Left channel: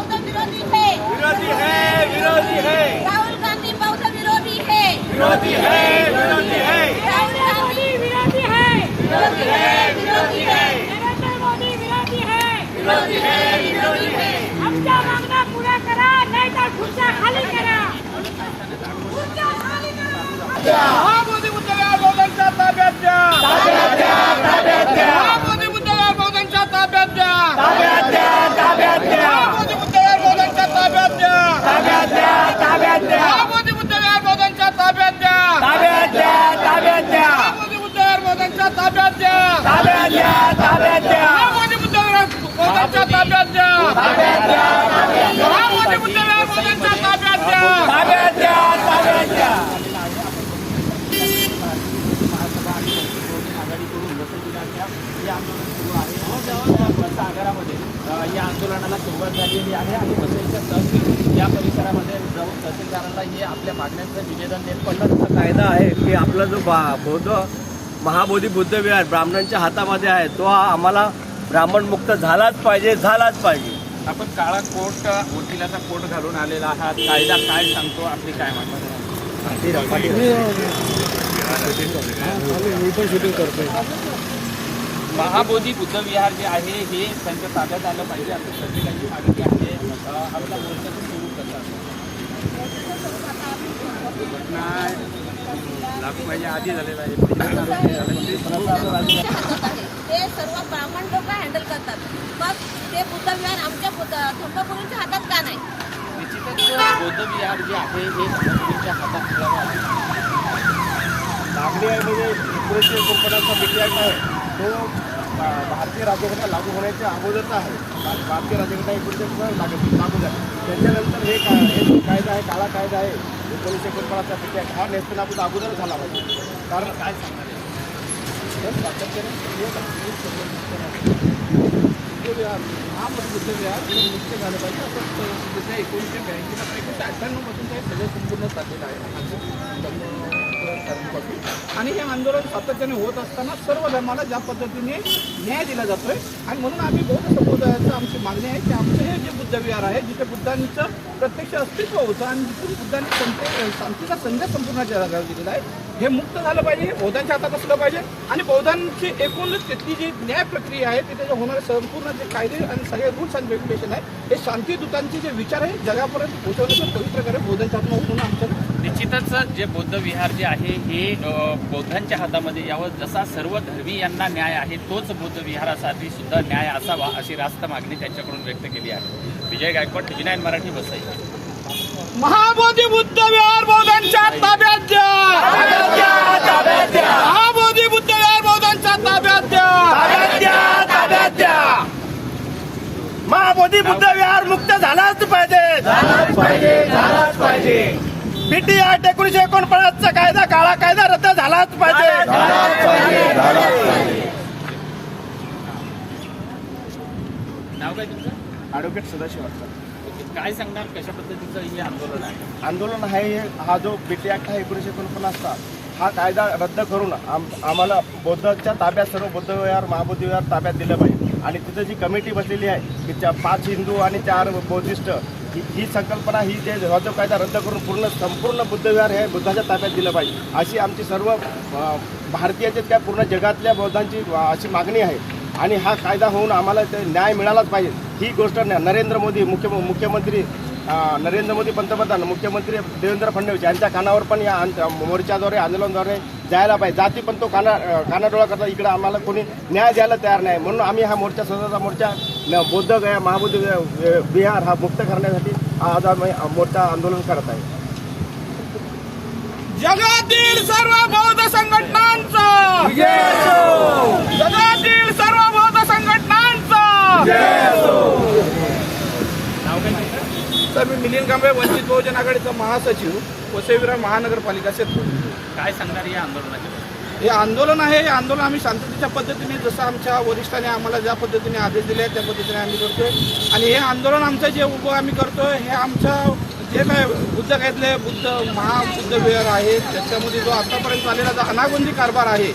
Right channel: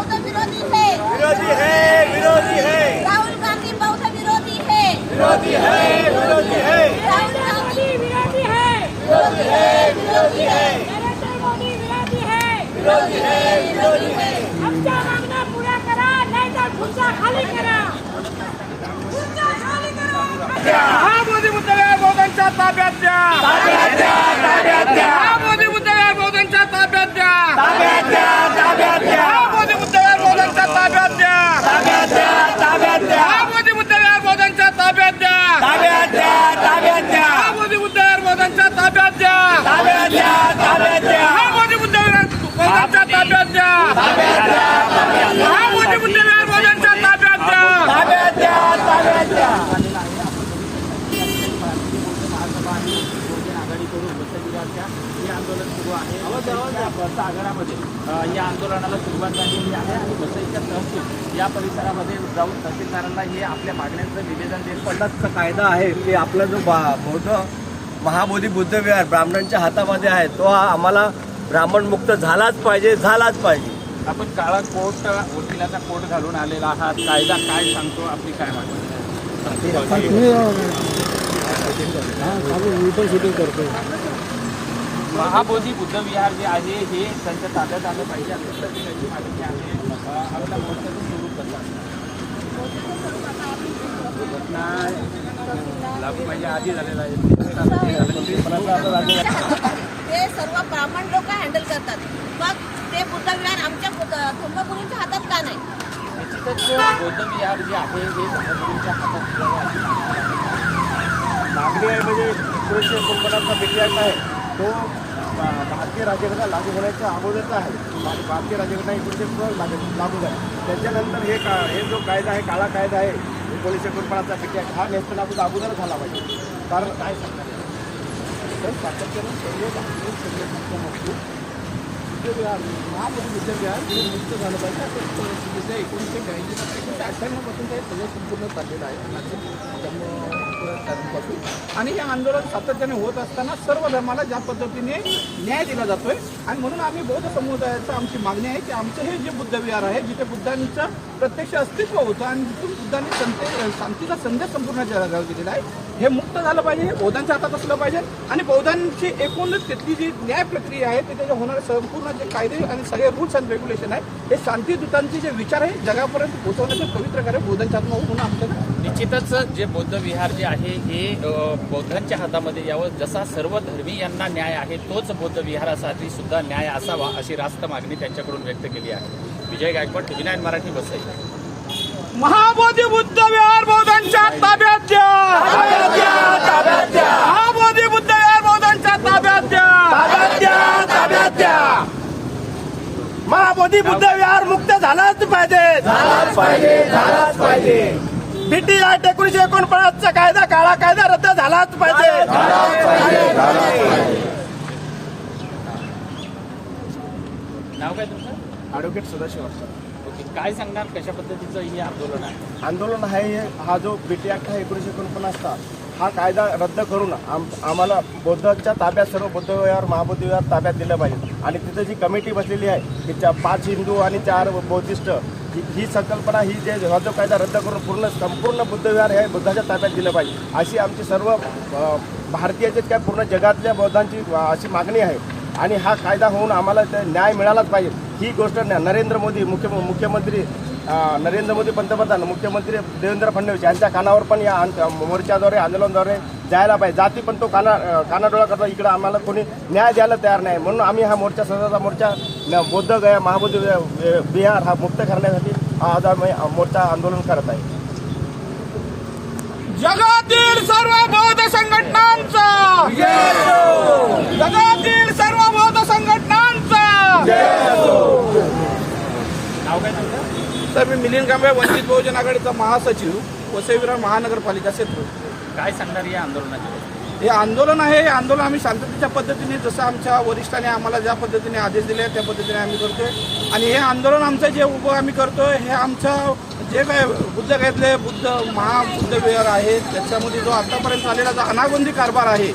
बौद्ध विरोधी है। विरोधी है विरोधी है। राहुल गांधी बहुत विरोधी है। विरोधी है विरोधी है। राहुल गांधी विरोधी है। विरोधी है विरोधी है। नरेंद्र मोदी विरोधी है। विरोधी है विरोधी है। आमच्या मागण्या पूरा करा नहीं तर खुर्च्या खाली करा। खुर्च्या खाली करा। मोदी मुद्दे बौद्धांच्या ताब्यात द्या ताब्यात द्या ताब्यात द्या मोदी मुद्दे बौद्धांच्या ताब्यात द्या ताब्यात द्या ताब्यात द्या अ, या आंदोलनाला सुरुवात झालेली आहे आणि वसईच्या तहसील या परिसरामध्ये जाऊन तहसीलदारांना हे आपल्या मागण्यांचं निवेदन देत पन्नासचा कायदा आहे की आपला जो बा- बौद्ध महाबोधी बुद्धविहार ब्राह्मणांच्या हातामध्ये आहे. तो हा आम्हाला ब्राह्मण मुक्त झालाच पाहिजे झालाच पाहिजे. आपण काळा कोट वकिलाचा कोट घालून आलेला हा कायदा काय सांगतो? आपली काय म्हणतो? मी पण शूटिंग करतोय महाबोधी बुद्धविहार जे आहे हे त्यांच्या ताब्यात आलं पाहिजे. अशी मागणी आहे. अ, मोर्चाचं स्वरूप कसं असतं ते सर्व ब्राह्मण लोक हँडल करतात. मग ते बुद्ध विहार आमच्या थोंबापुरींच्या हातात का नाही? निश्चितच बौद्ध जे आहे हे धर्मगुरूंच्या हातात ठेवावे अशी मागणी आहे म्हणजे एकोणीसशे एकोणपन्नासचा आहे तो भारतीय राज्यघटना लागू होण्याच्या अगोदरचा आहे भा- भारतीय राज्यघटना एकोणीसशे एकोणपन्नास लागू लागू झाली त्याच्यानंतर हे का हे जो कायदा आहे काळा कायदा आहे पोलीस एकोणपन्नासचा बिटियाट हा नेस्तनाबूत अगोदर झाला पाहिजे. कारण काय सांगणार? तर सातत्याने सर्व धार्मिक संघटनांच्या महामोदी मुक्त झालं. पाहिजे. असं एकोणीसशे ब्याऐंशी एकोणीसशे अठ्ठ्याण्णवपासून सगळं संपूर्ण चाललेलं आहे. त्यामुळं जम्मू आणि हे आंदोलन सातत्याने होत असताना सर्व धर्माला ज्या पद्धतीने न्याय दिला जातोय. आणि म्हणून आम्ही बौद्ध समुदायाचं आमची मागणी आहे की आमचं हे जे बुद्ध विहार आहे जिथे बुद्धांचं प्रत्यक्ष अस्तित्व होतं आणि जिथून बुद्धांनी संते शांतीचा संदेश संपूर्ण जगाला दिलेला आहे हे मुक्त झालं पाहिजे हे बौद्धांच्या हातात असलं पाहिजे. आणि बौद्धांची एकूणच तिथली जी न्याय प्रक्रिया आहे तिथे जे होणारे संपूर्ण जे कायदे आणि सगळे रूल्स अँड रेग्युलेशन आहे हे शांतीदूतांचे जे विचार आहे जगापर्यंत पोहोचवण्याचे पवित्र कार्य बौद्धांच्या हातून म्हणून आमच्याकडे निश्चितच जे बौद्ध विहार जे आहे हे बौद्धांच्या हातामध्ये यावं जसा सर्व धर्मीयांना न्याय आहे तोच बौद्ध विहारासाठी सुद्धा न्याय असावा अशी रास्त मागणी त्यांच्याकडून व्यक्त केली आहे. Vijay Gaikwad TV nine Marathi Vasai. Mahabodhi Buddha Vihar बौद्धांच्या ताब्यात द्या. ताब्यात द्या ताब्यात द्या. महाबोधी बुद्ध विहार बौद्धांच्या ताब्यात द्या. ताब्यात द्या ताब्यात द्या. महाबोधी बुद्ध विहार मुक्त झालाच पाहिजे. झालाच पाहिजे झालाच पाहिजे. आठ एकोणीशे एकोणपन्नासचा कायदा काळा कायदा रद्द झालाच पाहिजे. नाव काय तुमचं? ॲडव्होकेट सदाशिव काय सांगणार? कशा पद्धतीचं हे आंदोलन आहे? आंदोलन आहे हा जो बीटी ॲक्ट आहे एकोणीसशे एकोणपन्नासचा हा कायदा रद्द करून आम आम्हाला बौद्धाच्या ताब्यात सर्व बौद्ध विहार महाबौद्ध विहार ताब्यात दिलं पाहिजे. आणि तिथं जी कमिटी बसलेली आहे की चा पाच हिंदू आणि चार बौद्धिस्ट ही ही संकल्पना ही जे हा कायदा रद्द करून पूर्ण संपूर्ण बुद्ध विहार हे बुद्धाच्या ताब्यात दिलं पाहिजे. अशी आमची सर्व अ, भारतीयाचे काय पूर्ण जगातल्या बौद्धांची अशी मागणी आहे. आणि हा कायदा होऊन आम्हाला ते न्याय मिळालाच पाहिजे. ही गोष्ट नरेंद्र मोदी मुख्य मुख्यमंत्री नरेंद्र मोदी पंतप्रधान मुख्यमंत्री देवेंद्र फडणवीस यांच्या कानावर पण या मोर्चाद्वारे आंदोलनाद्वारे जायला पाहिजे. जाती पण तो काना कानाडोळा करता. इकडे आम्हाला कोणी न्याय द्यायला तयार नाही. म्हणून आम्ही हा मोर्चा सदरचा मोर्चा बौद्ध गया महाबौद्ध विहार हा मुक्त करण्यासाठी आज आम्ही मोर्चा आंदोलन करत आहे. जगातील सर्व बौद्ध संघटनांचा! जगातील सर्व बौद्ध संघटनांचा! तर मी मिलिंद कांबळे वंचित बहुजन आघाडीचा महासचिव वसई विरार महानगरपालिका क्षेत्र काय सांगणार या आंदोलनाच्या हे आंदोलन आहे हे आंदोलन आम्ही शांततेच्या पद्धतीने जसं आमच्या वरिष्ठाने आम्हाला ज्या पद्धतीने आदेश दिले त्या पद्धतीने आम्ही करतोय. आणि हे आंदोलन आमचं जे उभं आम्ही करतोय हे आमचं जे काय बुद्ध घेतले बुद्ध महाबुद्ध विहार आहे त्याच्यामध्ये जो आतापर्यंत आलेला जो अनागोंदी कारभार आहे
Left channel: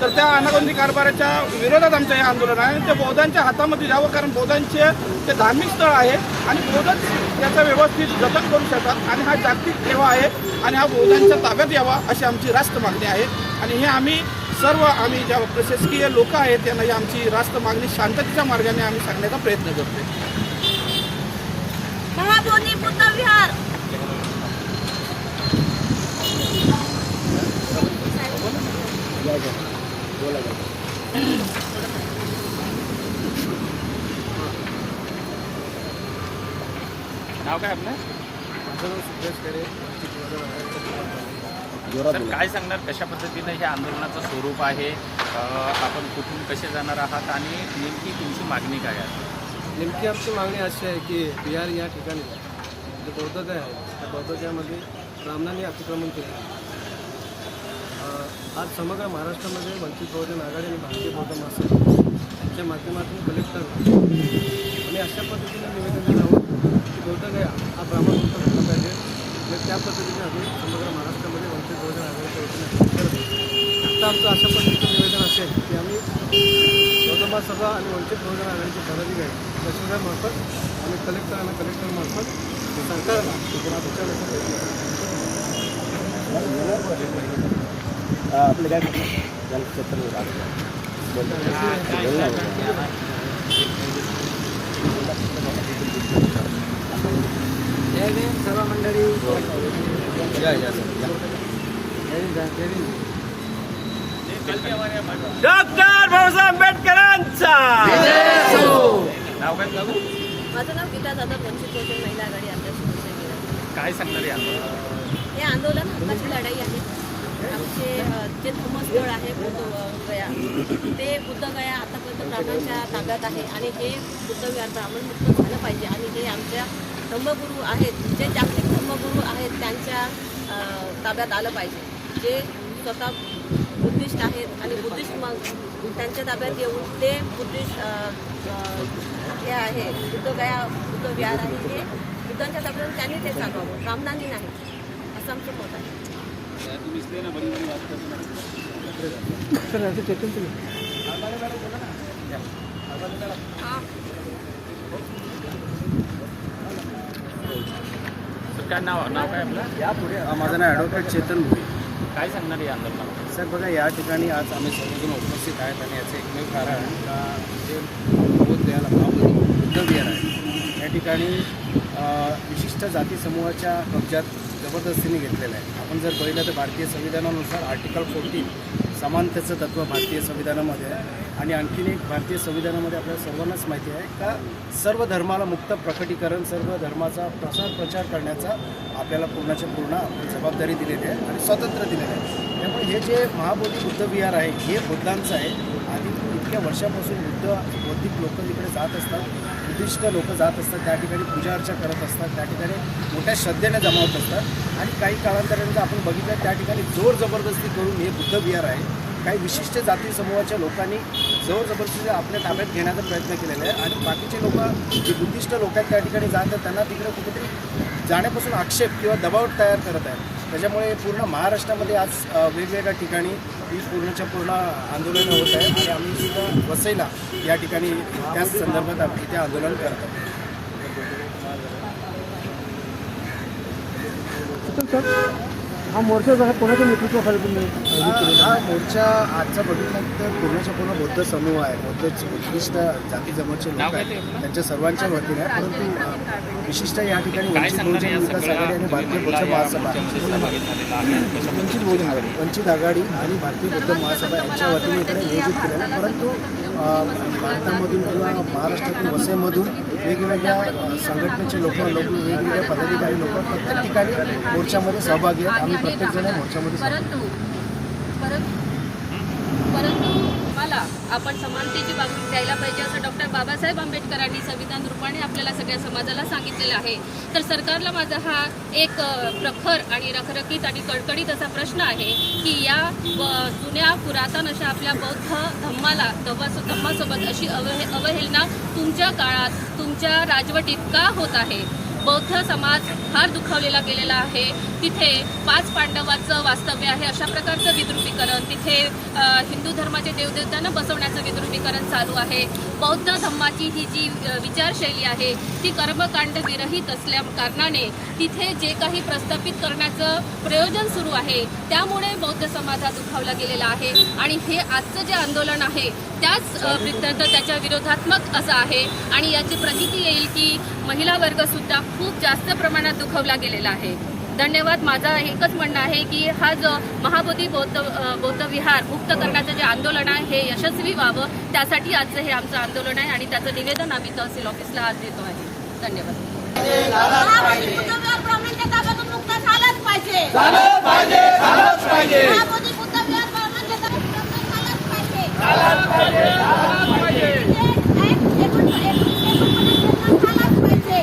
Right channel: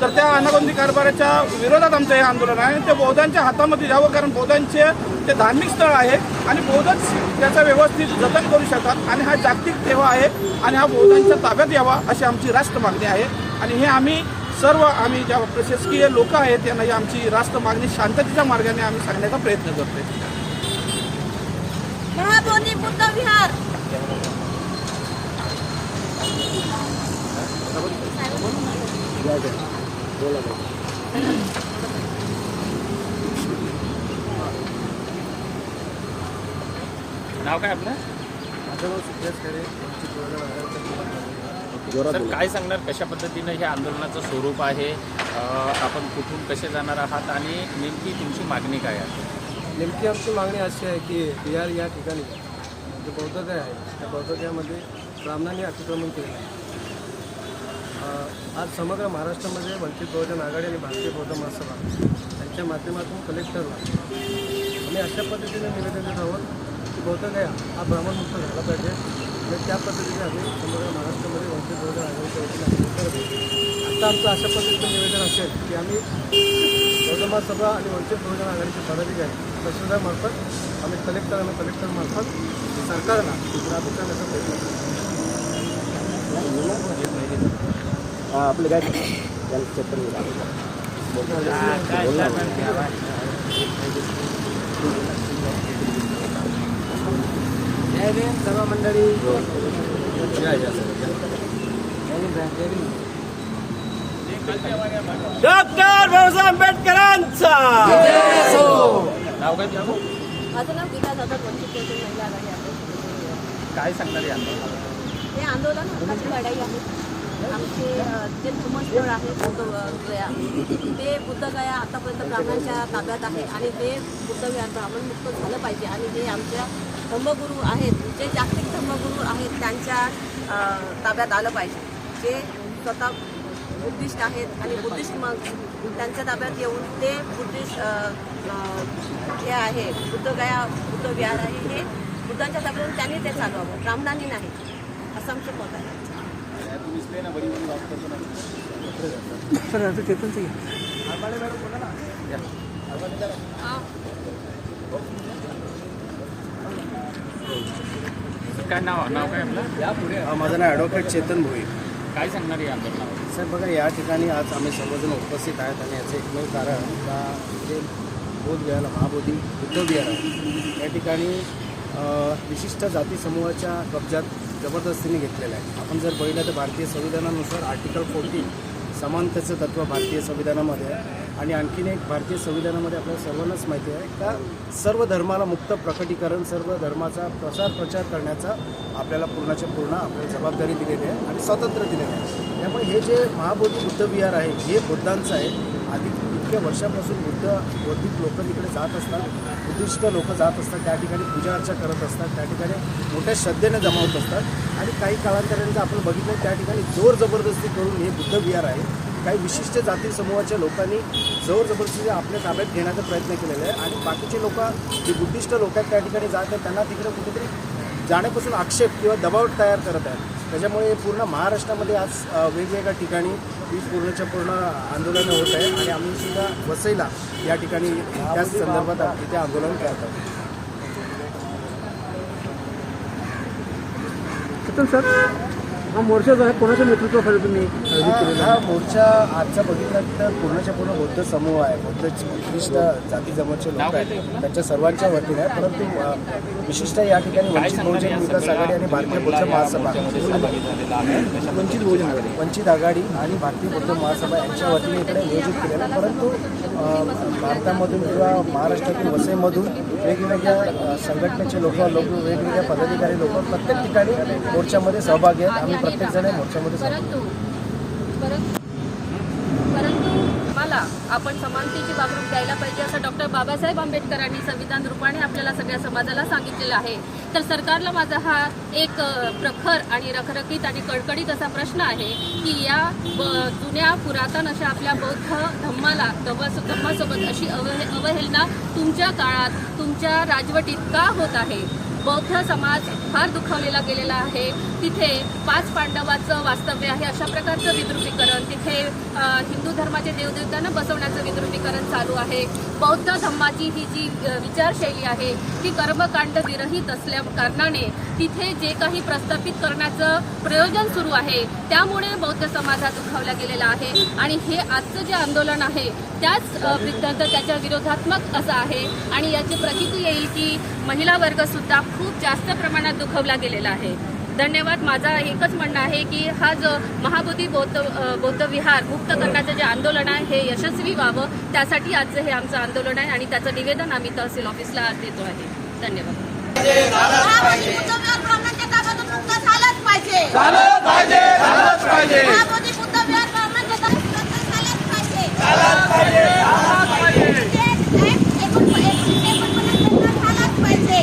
तर त्या अनागोंदी कारभाराच्या विरोधात आमचं हे आंदोलन आहे. ते बौद्धांच्या हातामध्ये जावं कारण बौद्धांचे ते धार्मिक स्थळ आहे. आणि बौद्धच त्याचा व्यवस्थित जतन करू शकतात. आणि हा जागतिक ठेवा आहे. आणि हा बौद्धांच्या ताब्यात यावा अशी आमची राष्ट्र मागणी आहे. आणि हे आम्ही सर्व आम्ही ज्या प्रशासकीय लोक आहेत त्यांना ही आमची राष्ट्र मागणी शांततेच्या मार्गाने आम्ही सांगण्याचा प्रयत्न करतोय. महाबोधी बुद्ध विहार. नाव काय आपलं? माझं नाव सिद्धेश खेडे. तर काय सांगणार? कशा पद्धतीनं हे आंदोलनाचं स्वरूप आहे? आपण कुठून कसे जाणार आहात? आणि नेमकी तुमची मागणी काय आहे? नेमकी आमची मागणी अशी आहे की बिहार या ठिकाणी जे बौद्धगय आहे त्या बौद्धगयामध्ये ब्राह्मणांनी अतिक्रमण केलं आहे. आज समग्र महाराष्ट्रामध्ये वंचित बहुजन आघाडी आणि भारतीय बौद्ध महासभा यांच्या माध्यमातून कलेक्टरला आम्ही अशा पद्धतीने निवेदन देत आहोत की बौद्धगया हा ब्राह्मणमुक्त झाला पाहिजे. आणि त्या पद्धतीने आम्ही समग्र महाराष्ट्रामध्ये वंचित बहुजन आघाडीच्या वतीने आंदोलन करत आमचं अशा पद्धतीचं निवेदन असेल की आम्ही बौद्ध महासभा आणि वंचित बहुजन आघाडीचे पदाधिकारी तहसीलदारमार्फत आम्ही कलेक्टर आणि कलेक्टरमार्फत सरकारला इकडे विचारण्याचा प्रयत्न आपले काय जलक्षेत्र जय भीम सर्व मंडळी. जय जय जय भीम डॉक्टर बाबासाहेब आंबेडकरांचा. माझं नाव गीता जाधव वंचित बहुजन महिला आघाडी अध्यक्ष काय सांगणार हे आंदोलन हक्काची लढाई आहे. आमचे जे धर्मस्थळ आहे बुद्ध गया ते बुद्ध गया आतापर्यंत ब्राह्मणांच्या ताब्यात आहे आणि हे बुद्ध विहार ब्राह्मणमुक्त झालं पाहिजे आणि हे आमच्या धर्मगुरू आहेत जे जागतिक धर्मगुरू आहेत त्यांच्या ताब्यात आलं पाहिजे. जे स्वतः बुद्धिस्ट आहेत आणि बुद्धिस्ट मग त्यांच्या ताब्यात येऊन ते बुद्धिस्ट हे आहे बुद्ध गया बुद्ध विहार आहे हे बुद्धांच्या ताब्यात त्यांनी ते चालवावं. ब्राह्मणांनी नाही. असं आमचं मत आहे. सर काय नाव नाव काय आपलं? माझं नाव ॲडव्होकेट चेतन भुई. काय सांगणार आंदोलनात साहेब बघा या ठिकाणी आज आम्ही सर्वजण उपस्थित आहेत आणि याचं एकमेव कारण का जे बोधगयाला महाबोधी बुद्ध विहार आहे. या ठिकाणी विशिष्ट जाती समूहाच्या कब्जात जबरदस्तीने घेतलेलं आहे. आपण जर बघितलं तर भारतीय संविधानानुसार आर्टिकल फोर्टीन समानतेचं तत्व भारतीय संविधानामध्ये आहे आणि आणखीन एक भारतीय संविधानामध्ये आपल्या सर्वांनाच माहिती आहे का सर्व धर्माला मुक्त प्रकटीकरण सर्व धर्माचा प्रसार प्रचार करण्याचा आपल्याला पूर्णाच्या पूर्ण आपल्याला जबाबदारी दिलेली आहे आणि स्वातंत्र्य दिलेलं आहे. त्यामुळे हे जे महाबोधी बुद्ध विहार आहे हे बुद्धांचं आहे आधी इतक्या वर्षापासून बुद्ध बौद्धिक लोक तिकडे जात असतात बुद्धिष्ट लोक जात असतात त्या ठिकाणी पूजा अर्चा करत असतात त्या ठिकाणी मोठ्या श्रद्धेने जमावत असतात. आणि काही कालांतराने जर आपण बघितलं त्या ठिकाणी जोर जबरदस्ती करून हे बुद्ध विहार आहे. काही विशिष्ट जाती समूहाच्या लोकांनी जोर जबरदस्तीने आपल्या ताब्यात घेण्याचा प्रयत्न केलेला आहे. आणि बाकीचे लोक जे बुद्धिस्ट लोक आहेत त्या ठिकाणी जात आहेत त्यांना तिकडे कुठेतरी जाण्यापासून आक्षेप किंवा दबाव तयार करत आहेत. त्याच्यामुळे पूर्ण महाराष्ट्रामध्ये आज वेगवेगळ्या ठिकाणी ही पूर्णच्या पूर्ण आंदोलनं होत आहेत आणि आम्ही सुद्धा वसईला या ठिकाणी त्याच संदर्भात आम्ही इथे आंदोलन करत आहोत. सर? हा मोर्चा जो आहे कोणाच्या नेतृत्वाखाली तुम्ही हा हा मोर्चा आजचा बघितला तर पूर्णच्या पूर्ण बौद्ध समूह आहे बौद्ध विशिष्ट जाती जमाचे लोक आहेत त्यांच्या सर्वांच्या वतीने आहे परंतु विशिष्ट या ठिकाणी वंचित बहुजन विकास आघाडी आणि भारतीय बौद्ध महासभा वंचित बहुजन आघाडी. वंचित आघाडी आणि भारतीय बौद्ध महासभा यांच्या वतीने इकडे नियोजित केलेलं आहे परंतु भारतामधून किंवा महाराष्ट्रातील वसईमधून वेगवेगळ्या संघटनेचे लोक लोक वेगवेगळ्या पदाधिकारी लोक प्रत्येक ठिकाणी मोर्चामध्ये सहभागी आहेत. आम्ही प्रत्येकजण मोर्चामध्ये सहभागी आहोत. परंतु परंतु परंतु मला आपण समानतेची वागणूक द्यायला पाहिजे असं डॉक्टर बाबासाहेब आंबेडकरांनी संविधान रूपाने आपल्याला सगळ्या समाजाला सांगितलेलं आहे. तर सरकारला माझा हा एक प्रखर आणि रखरखीत आणि कडकडीत असा प्रश्न आहे की या ब- जुन्या पुरातन अशा आपल्या बौद्ध धम्माला धम्मासोबत अशी अवहे अवहेलना तुमच्या काळात तुमच्या राजवटीत का होत आहे? बौद्ध समाज फार दुखावलेला गेलेला आहे. तिथे पाच पांडवाचं वास्तव्य आहे अशा प्रकारचं विद्रुपीकरण. तिथे हिंदू धर्माचे देवदेवतांना बसवण्याचं विद्रुपीकरण चालू आहे. बौद्ध धम्माची ही जी विचारशैली आहे ती कर्मकांड विरहित असल्या कारणाने तिथे जे काही प्रस्थापित करण्याचं प्रयोजन सुरू आहे त्यामुळे बौद्ध समाज हा दुखावला गेलेला आहे. आणि हे आजचं जे आंदोलन आहे त्याच त्याच्या विरोधात्मक असं आहे. आणि याची प्रचिती येईल की महिला वर्ग सुद्धा खूप जास्त प्रमाणात दुखवला गेलेला आहे. धन्यवाद. माझा एकच म्हणणं आहे की हा जो महाबोधी बौद्ध बौद्ध विहार मुक्त करण्याचं जे आंदोलन आहे हे यशस्वी व्हावं. त्यासाठी आजचं हे आमचं आंदोलन आहे आणि त्याचं निवेदन आम्ही तहसील ऑफिसला आज देतो आहे. धन्यवाद. पाहिजे झालंच पाहिजे झालंच पाहिजे महाबोधी बुद्धविहार ब्राह्मणांच्या ताब्यातून मुक्त झालंच पाहिजे झालंच पाहिजे झालंच पाहिजे ते एक- एकोण- एकोणीसशे एकोणपन्नास झालाच पाहिजे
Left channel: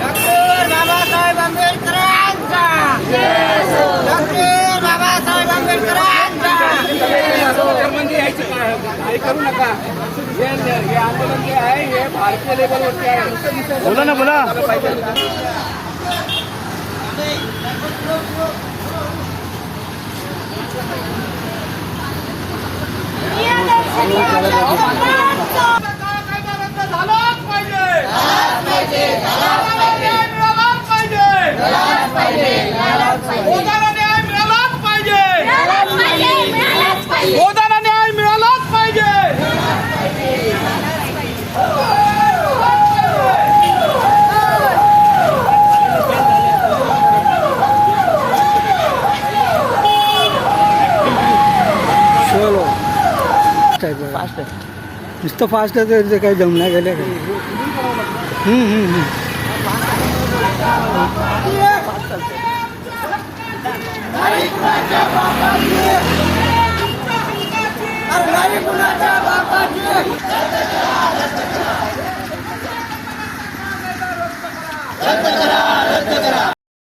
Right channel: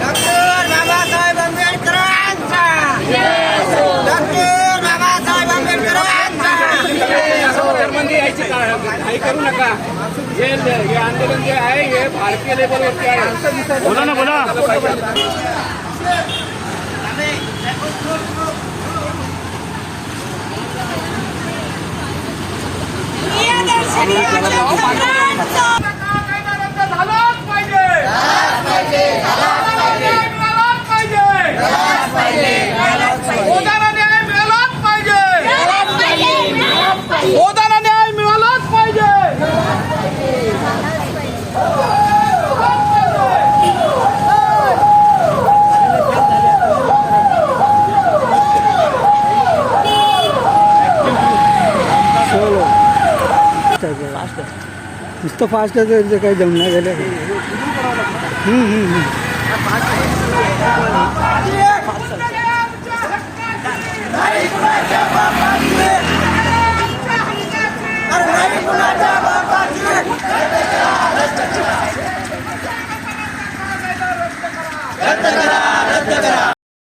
डॉक्टर बाबासाहेब आंबेडकरांचा. डॉक्टर बाबासाहेब आंबेडकरांचा. म्हणजे काही करू नका. हे हे आंदोलन जे आहे हे भारतीय लेवलवरती आहे. बोला ना बोला. झालाच पाहिजे मिळालाच पाहिजे बोधाला न्याय मिळालाच पाहिजे बोधाला न्याय मिळालाच पाहिजे चलो नुसतं फास्ट आहे तर काही जमणार गेलं हम्म,